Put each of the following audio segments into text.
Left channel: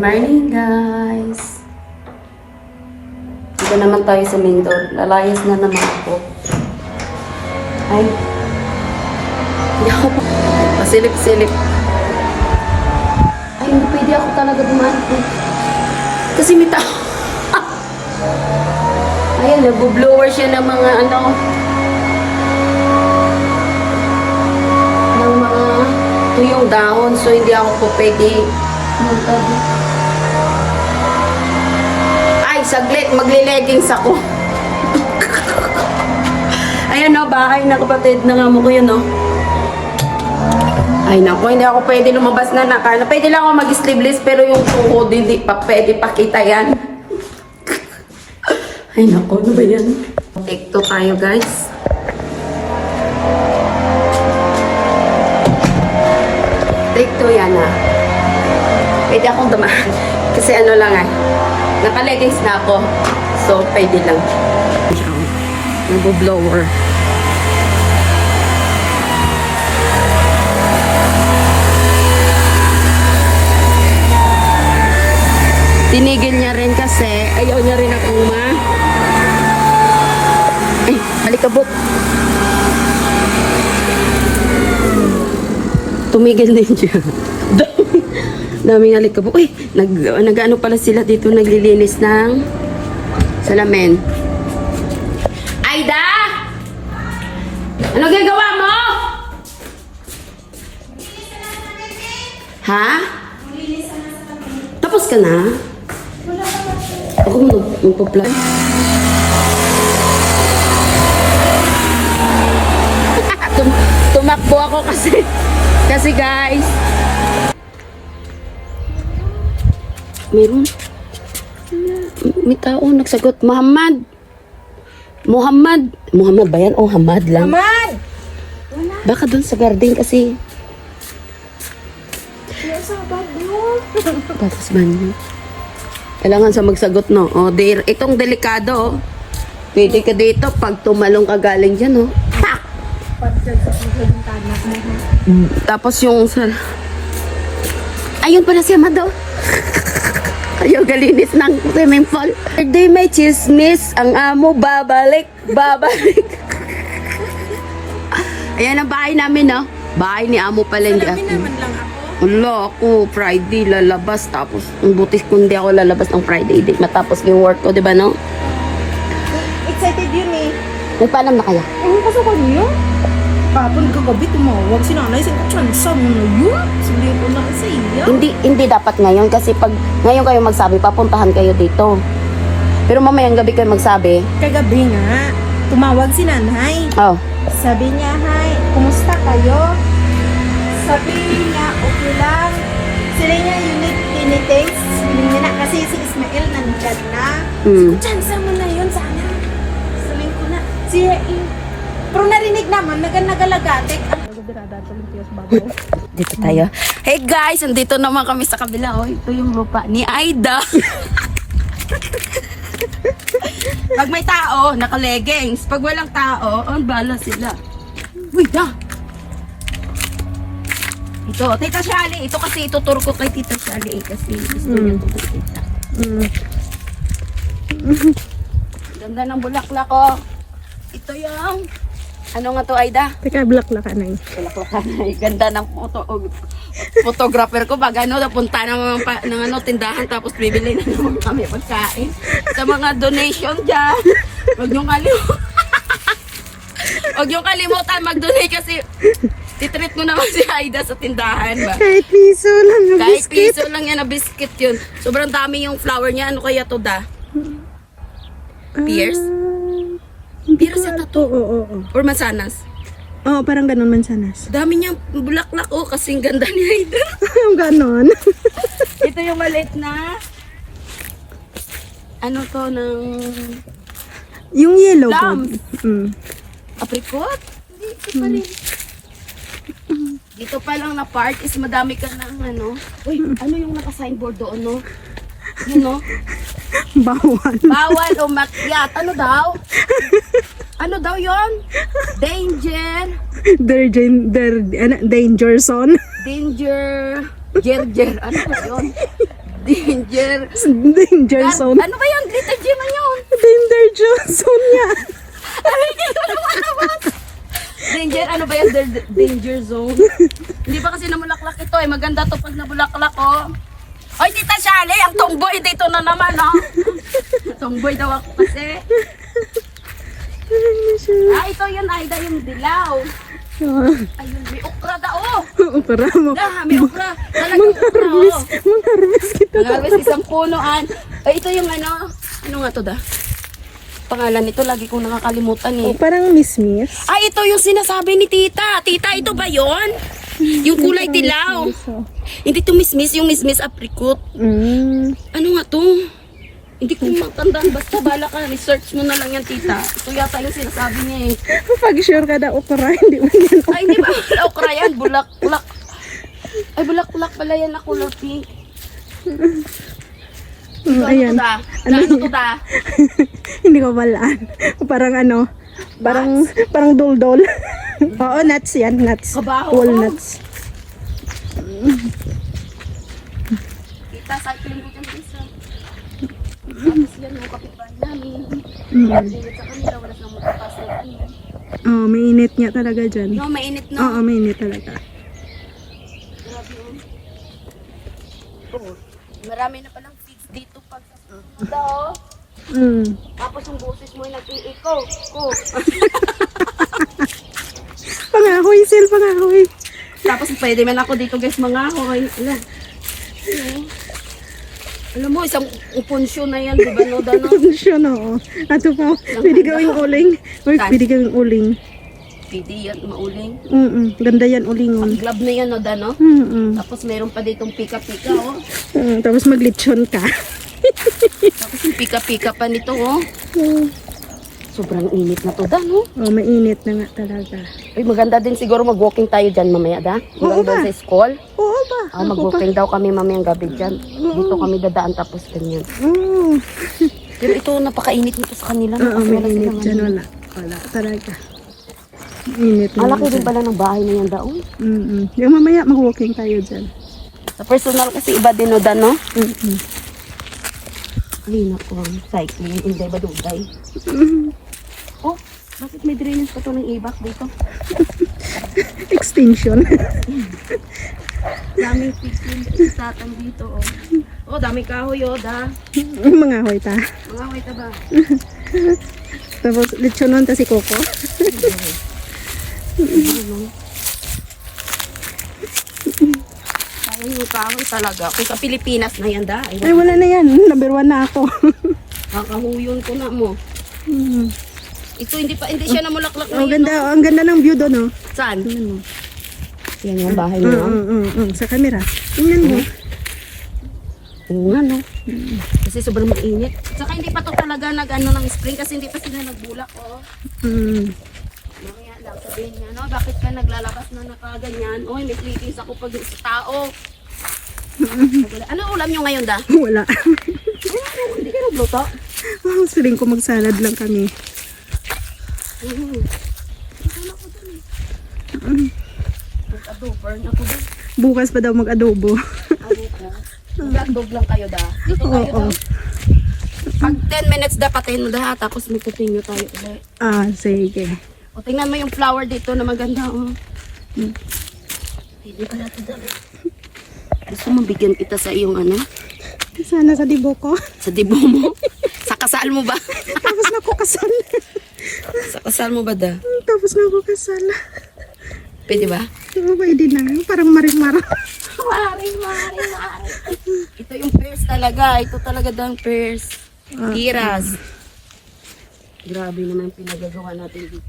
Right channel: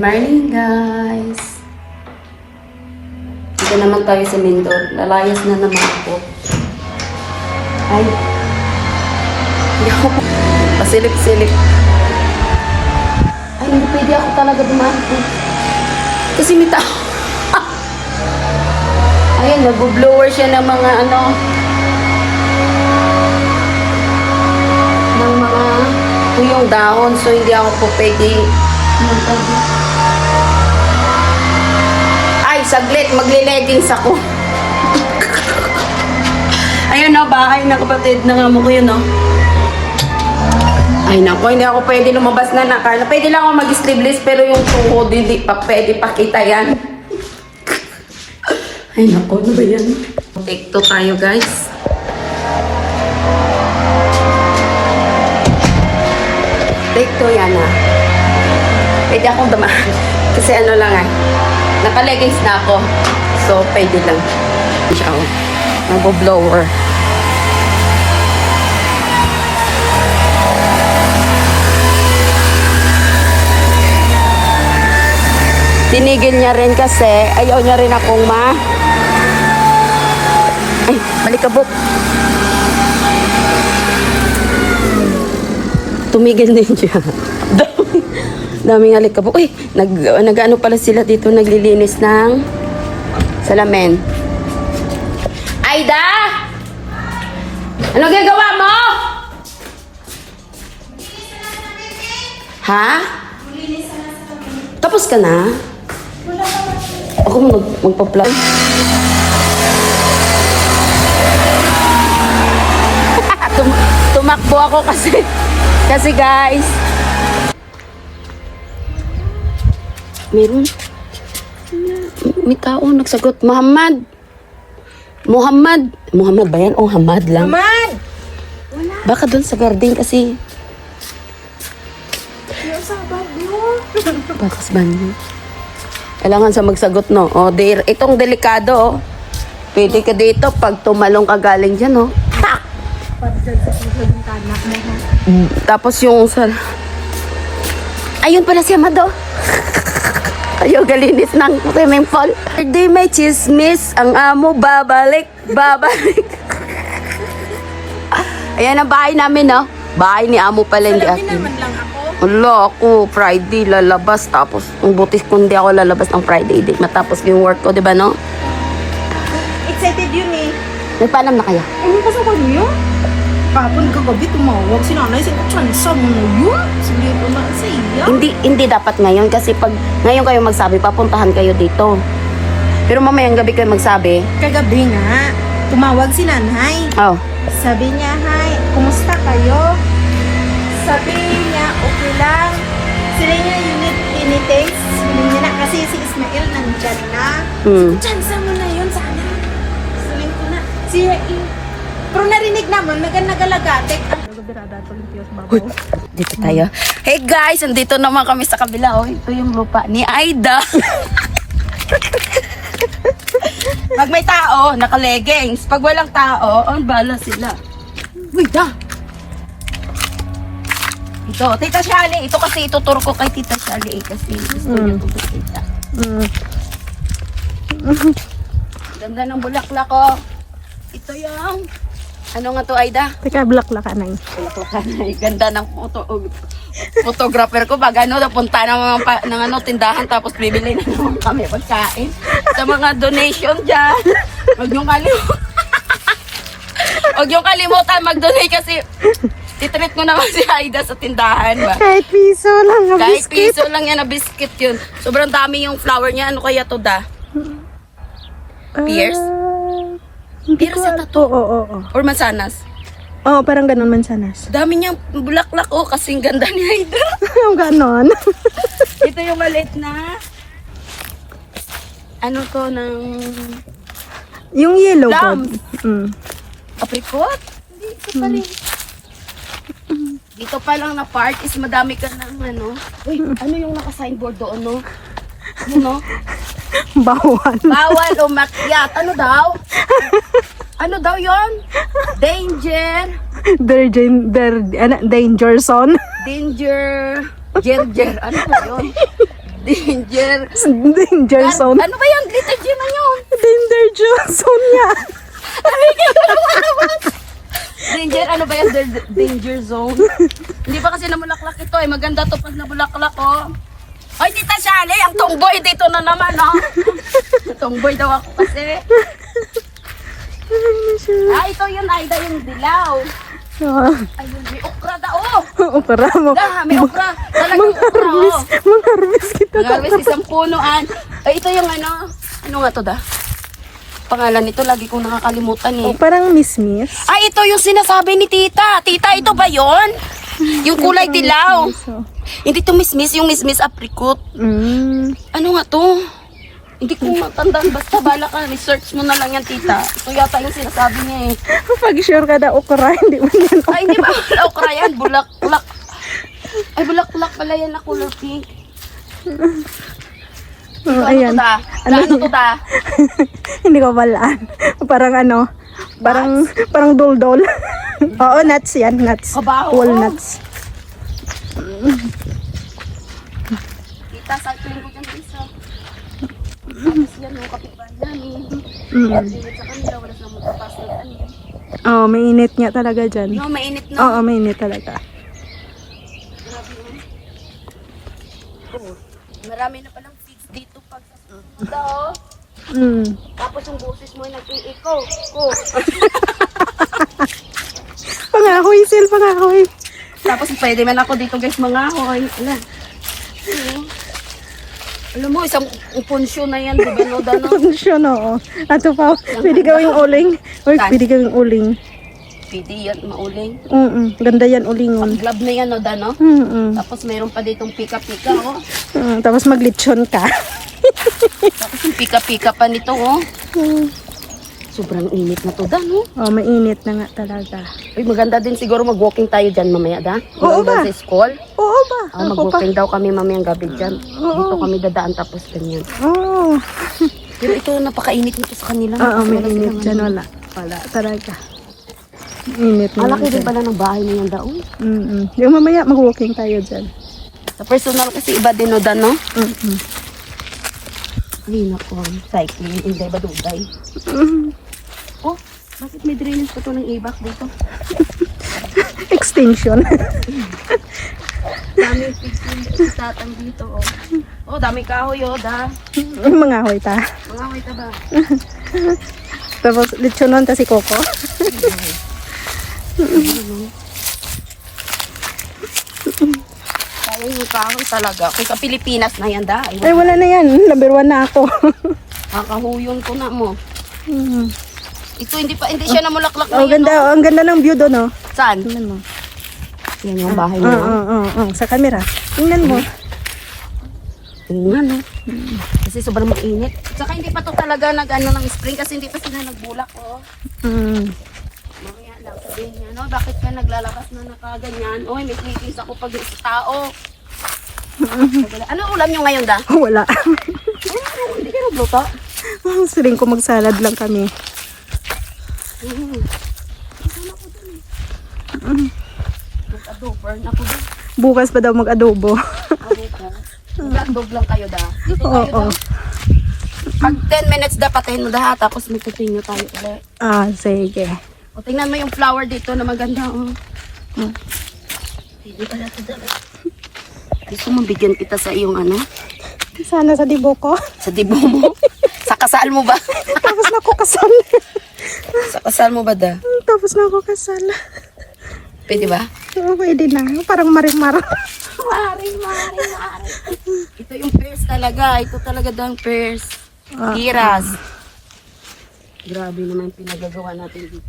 morning, guys. Dito naman tayo sa Mindor. Lalayas na naman ako. Ay. Hindi ako pasilip-silip. Ay, hindi pwede ako talaga dumaan. Kasi may tao. Ayan, nag-blower siya ng mga ano. Ng mga tuyong dahon. So, hindi ako po pwede. Ay, saglit, magle-leggings ako. Ayun o, bahay na kapatid ng amo ko yun o. Ay nako, hindi ako pwede lumabas na nakala. Pwede lang ako mag-sleeveless pero yung tuhod hindi pa pwede pakita yan. Ay nako, ano ba yan? Take 2 tayo, guys. Take 2 yan ha. Pwede akong dumaan. Kasi ano lang ah. Naka-leggings na ako. So, pwede lang. Ciao. Nag-blower. Tinigil niya rin kasi ayaw niya rin akong Ay, malikabok. Tumigil din siya. Daming alikabok. Uy, nag-ano pala sila dito, naglilinis ng salamin. Aida! Ano gagawa mo? Ha? Tapos ka na? Ako magpa-plan. Tumakbo ako kasi guys, meron. May tao nagsagot. Muhammad ba yan? O Hamad lang. Muhammad! Baka doon sa garden kasi. Bakas ba niyo? Kailangan sa magsagot, no? O, itong delikado, oh. Pwede ka dito pag tumalong ka galing dyan, no? Ha! Tapos yung sa... Ayun pala si Amado. Ayaw galinis ng swimming pool. Birthday may chismis. Ang amo babalik. Ayan ang bahay namin, no? Bahay ni amo pala. Salamin naman lang ako. Wala ako, Friday lalabas. Tapos, ang butis kundi ako lalabas ng Friday. Di matapos yung work ko, di ba, no? Excited yun eh. Yung paalam na kayo? Ano ba sa bago yun? Bakit kakabit mo? Huwag sinanay si Chansa mo yun. Sige ko lang sa iya. Hindi dapat ngayon kasi pag ngayon kayo magsabi, papuntahan kayo dito. Pero mamayang gabi kayo magsabi. Kagabi nga, tumawag si nanay. Oh. Sabi niya, Nay, kumusta kayo? Sabi niya, okay lang. Sila niya tinitaste. Sila niya na, kasi si Ismael nandyan na. Chansa mo na yun sana. Sabi ko na, pero narinig naman, nagalagatik. Dito tayo. Hey guys, andito naman kami sa kabila. Oh, ito yung lupa ni Aida. Pag may tao, naka-leggings. Pag walang tao, bala sila. Wait ah. Ito, Tita Shali. Ito kasi ituturo ko kay Tita Shali. Kasi gusto niya tutusita. Ganda ng bulaklak ko. Ito yung... Ano nga to, Aida? Teka, bulaklak ka na yun. Ganda ng photographer ko. Pag ano, napunta ng ano, tindahan tapos bibili na naman kami pagkain. Sa mga donation dyan. Huwag yung kalimutan mag-donate kasi titreat ko naman si Aida sa tindahan ba? Kahit piso lang na Kahit biscuit. piso lang yan na biscuit yun. Sobrang dami yung flower niya. Ano kaya to da? Pears? Hindi Pears ko yata to. Oo. Or mansanas? Oo, parang ganun mansanas. Dami niyang bulaklak kasing ganda ni Aida. Yung ganon. Ito yung maliit na ano to ng Yung yellow plums. god. Apricot? Hindi, ito pa rin. Dito pa lang na part is madami ka ng ano. Uy, ano yung naka-signboard doon, no? Ano? Bawal. Bawal umakyat. Ano daw? Ano daw yon? Danger. Danger zone. Danger. Jer. Ano ba yun? Danger. Danger zone. Ano ba yan? Little G man yun. Danger zone niya. Danger, ano ba yan? Danger zone. Hindi pa kasi namulaklak ito ay maganda to pag nabulaklak oh. Ay, Tita Shali, ang tomboy dito na naman oh. Tomboy daw ako kasi. Ito yun, Aida, yung dilaw. Ayun, may okra daw oh. Okra mo. May okra. Talagang okra oh. Mang-harvest kita. Mangarwis isang punuan. Ay, ito yung ano. Ano nga to da? Pangalan nito, lagi kong nakakalimutan eh. Oh, parang miss. Ay, ito yung sinasabi ni Tita. Tita, ito ba yon? Yung kulay dilaw. Hindi to miss-miss, yung miss-miss apricot. Ano nga to? Hindi ko matandaan. Basta bala ka, research mo na lang yan, Tita. Ito yata yung sinasabi niya eh. Pag sure ka na okra, hindi mo yan. Ay, hindi ba? Okra yan, bulak-bulak. Ay, bulak-bulak pala yan ako, Lucky. Ayan. Ano to da? Hindi ko malaan. Parang dol-dol. Oo, nuts yan, nuts. Aba, oo. Walnuts. Tita, cycling ko dyan sa isa. Tapos yan, yung kapitbahay namin. At init sa kanila, wala silang magpapasok. Oh, mainit nga talaga dyan. Yung mainit no? Oo, mainit talaga. Oo. Marami na palang seeds dito pag sa daw. Tapos yung boses mo ay nag-i-echo. Pangahoy, Sil, pangahoy. Tapos pwede man ako dito guys mga hoy. Alam mo, isang punsyo na yan, di ba no, Dano? Siya no. Ato pa, pwede gawing uling. Or pwede gawing uling. Pwede yan, mauling. Ganda yan, ulingon. Glove na yan, no, Dano? Tapos meron pa ditong pika-pika, oh. Tapos maglitsyon ka. Tapos yung pika-pika pa nito, oh. Sobrang init na to, Dano. Oh, mainit na nga talaga. Uy, maganda din siguro mag-walking tayo dyan mamaya, da? Oo ba? Sa school. Oo ba? Mag-walking daw kami mamayang gabi dyan. Dito kami dadaan tapos ganyan. Oo. Pero ito, napakainit nito sa kanila. Oo, mainit dyan. Wala talaga. Init na Wala lang ko din dyan. pala ng bahay niyan daon. Yung mamaya, mag-walking tayo dyan. Sa personal kasi iba din, no, Dan, no? Mm-mm. Uy, naku, cycling, hindi ba dugay? Oh, bakit may drainage pa ito ng ibak dito? Extinction. Daming picture tatang dito, oh. Oh, dami kahoy, oh, da. Mga hoy ta. Mga wait ba? Tapos, litsonon ta si Coco. Sayang yung kahoy talaga. Kung sa Pilipinas na yan, da. Ay, wala na yan. Number 1 na ako. Kakahuyon ko na mo. Ito, hindi siya namulaklak na Oh, yun, ganda. Ang ganda ng view doon, oh. no? Saan? Tingnan mo. Yun yung bahay niya. Sa camera. Tingnan mo. Tingnan. Kasi sobrang mainit. Saka hindi pa to talaga nag-ano ng spring kasi hindi pa sila nagbulak, oh. Mamaya lang sabihin niya, no? Bakit ka naglalabas na nakaganyan? Oy, may clippings ako pag isa tao. Ano ulam nyo ngayon, da? Wala. Hindi ka nagluto? Siling ko magsalad lang kami. Mag-adober na ako din. Bukas pa daw mag-adobo. Mag-adobe lang kayo, da. Oo. Pag 10 minutes da, patayin mo da, ha? Tapos may continue tayo ulit. Sige. O, tingnan mo yung flower dito na maganda, oh. Hindi ka natin dala. Gusto mo bigyan kita sa iyong ano? Sana sa dibo ko. Sa dibo mo? Sa kasal mo ba? Tapos na ako kasal. Sa kasal mo ba da? Tapos na ako kasal. Pwede ba? Oo, pwede na. Parang marimar. Mari. Ito yung pairs talaga. Ito talaga daw ang pairs. Hiras. Grabe naman pinagagawa natin dito.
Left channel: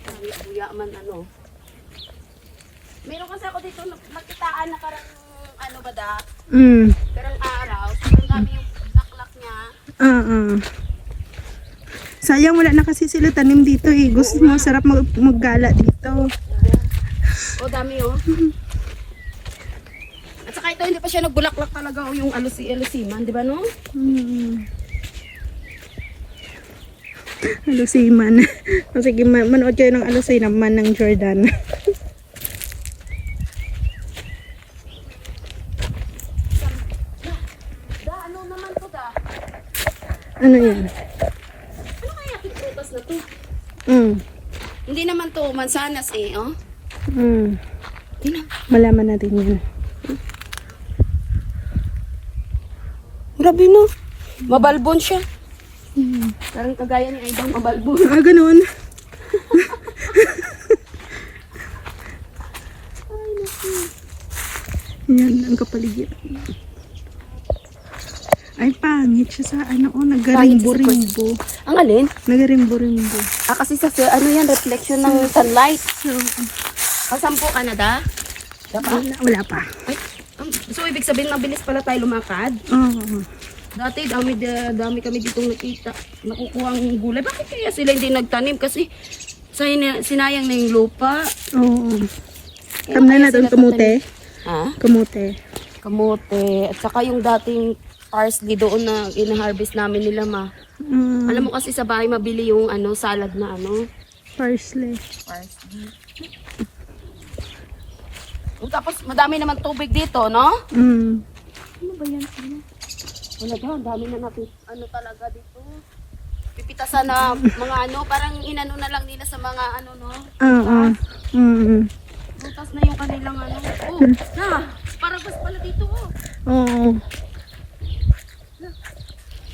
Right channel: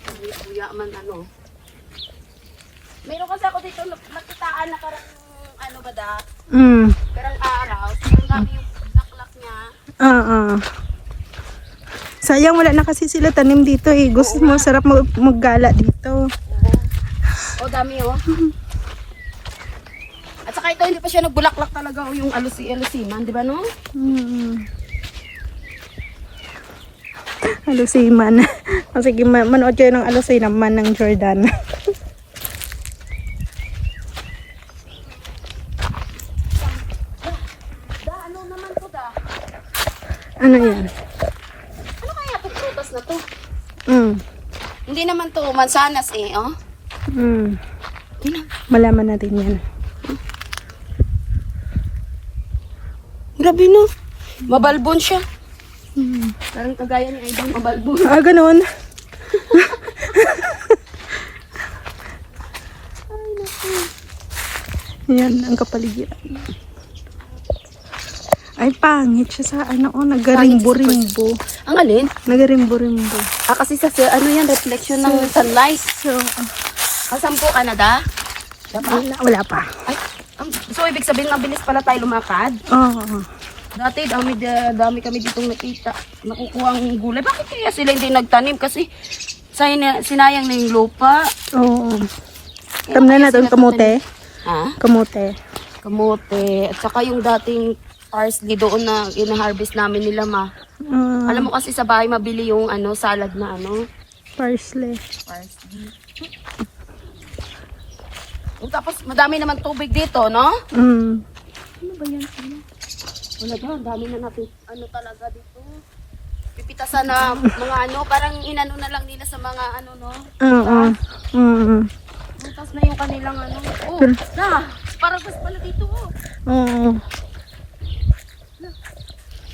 Parang buya man ano. Meron kasi ako dito nakitaan na parang ano ba da? Parang araw. Yung dami yung laklak niya. Sayang wala na kasi sila tanim dito eh. Gusto mo, sarap maggala dito. O dami oh. At saka ito hindi pa siya nagbulaklak talaga yung alusiman, di ba no? Alusiman. Sige, manood kayo ng alusiman ng Jordan. Ano yan? Ano kaya itong prutas na to? Hindi naman to mansanas eh, oh. Malaman natin yan. Grabe no. Mabalbon siya. Parang kagaya ni Aiden, mabalbon. Ah, ganun. Yan, ang kapaligiran. Ay, pangit siya sa ano, nagarimbo-rimbo. Ang alin? Nagarimbo-rimbo. Ah, kasi ano yan, reflection ng sunlight. So, Ang 10 Canada? wala pa. Ay, so ibig sabihin mabilis pala tayo lumakad? Oo. Dati dami kami ditong nakita. Nakukuha ang gulay. Bakit kaya sila hindi nagtanim? Kasi sinayang na yung lupa. Oo. Tam na natin kamote. Ha? Kamote. Kamote. At saka yung dating parsley doon na ina-harvest namin nila ma. Alam mo kasi sa bahay mabili yung salad na Parsley. parsley. Tapos madami naman tubig dito, no? Wala ba? Dami na natin talaga dito. Pipitasan na mga parang inano na lang nila sa mga no? Oo. Bukas na yung kanilang Oh, na! Parang pas pala dito, oh. Oo.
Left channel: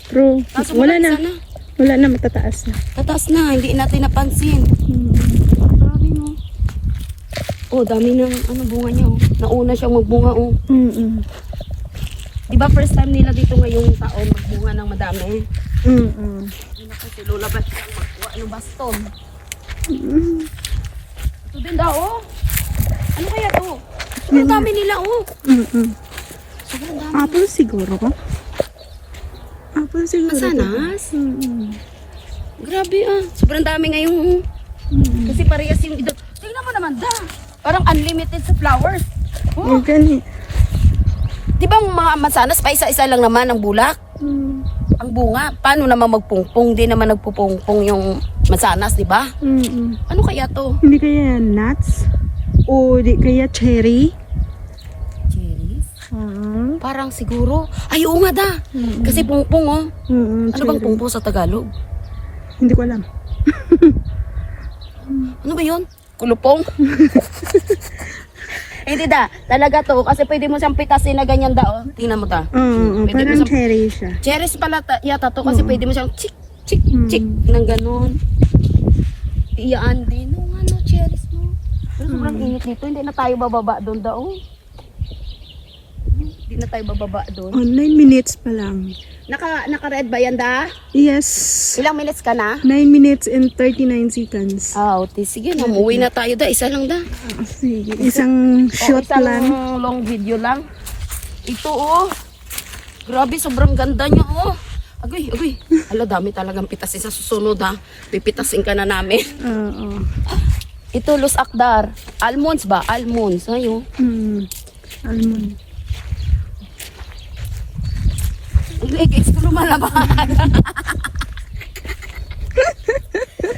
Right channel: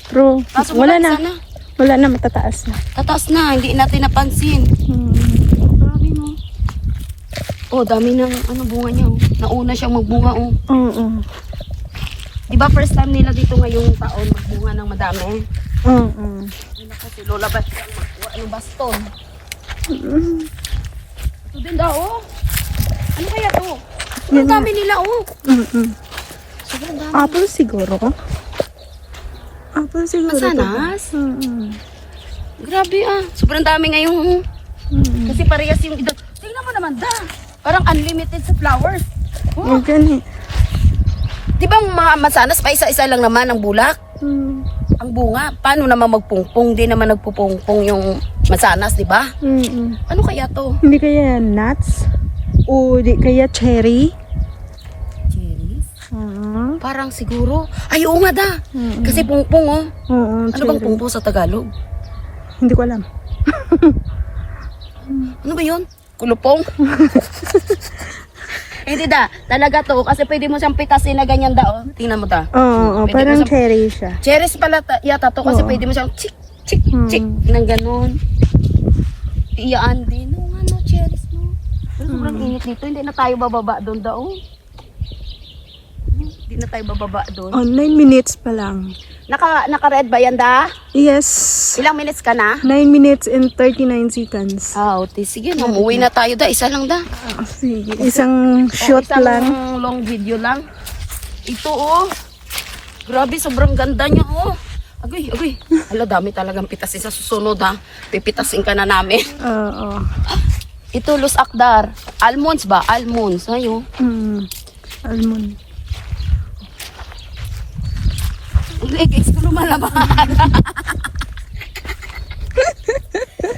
Pero, Kaso wala na. sana. Wala na, matataas na. Tataas na, hindi natin napansin. Oh, dami ng bunga niya, oh. Nauna siyang magbunga, oh. Oo. Di ba first time nila dito ngayong taon magbunga ng madami? Oo. Ano kasi lola ba siyang magkuha ng baston? Ito din daw, oh. Ano kaya to? Ang dami nila, oh. Apple siguro ka? Apple siguro. Masanas? Grabe sobrang dami ngayon, oh. Kasi parehas yung ito. Tingnan mo naman da. Parang unlimited sa flowers. Oh. Gani. Di ba ang mga mansanas pa isa-isa lang naman ang bulak? Ang bunga. Paano naman magpungpong? Di naman nagpupungpong yung mansanas, di ba? Ano kaya to? Hindi kaya nuts? O di kaya cherry? Cherries? Oo. Parang siguro. Ay, oo nga da. Kasi pungpong, oh. Oo, Ano bang pungpong sa Tagalog? Hindi ko alam. Ano ba yun? Kulupong? Hindi da. Talaga to. Kasi pwede mo siyang pitasin na ganyan da, oh. Tingnan mo ta. Oo, Pwede parang mo siyang- cherry siya. Cherries pala yata to kasi Oo. pwede mo siyang chik, chik, chik ng ganon. Iyaan din. No, cherries mo. Pero sobrang init dito. Hindi na tayo bababa doon daw. Hindi na tayo bababa doon. Oh, 9 minutes pa lang. Naka-red ba yan da? Yes. Ilang minutes ka na? 9 minutes and 39 seconds. Wow, sige na. Umuwi na tayo da. Isa lang da. Sige. Isang shot Isang lang. long video lang. Ito oh. Grabe, sobrang ganda niya oh. Agoy, agoy. Hala, dami talagang pitasin sa susunod ha. Pipitasin ka na namin. Oo. Ito, Los Akdar. Almonds ba? Almonds. Ayun. Almond. Ang legis ko lumalaban.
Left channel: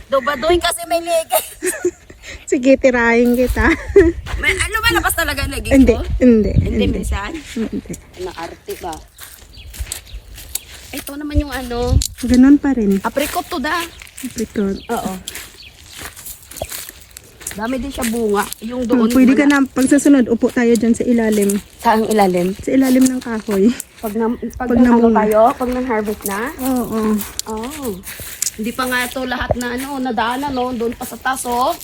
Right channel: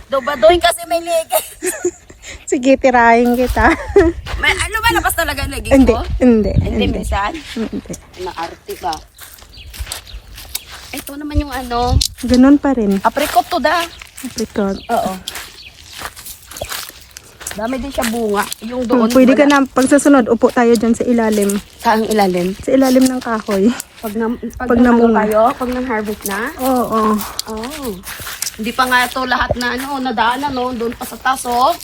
Dobadoy kasi may legis. Sige, tirahin kita. May lumalabas talaga ang legis Hindi, ko? hindi. Hindi, minsan. Hindi. Naarte ka. Ito naman yung Ganon pa rin. apricot to da. Apricot. Oo. Dami din siya bunga. Yung doon. Pwede ka wala. na, pag susunod, upo tayo dyan sa ilalim. Saang ilalim? Sa ilalim ng kahoy. Pag namunga. tayo, pag nang-harvest na. Oo. Oh. Hindi pa nga ito lahat na nadaanan no, doon pa sa taso.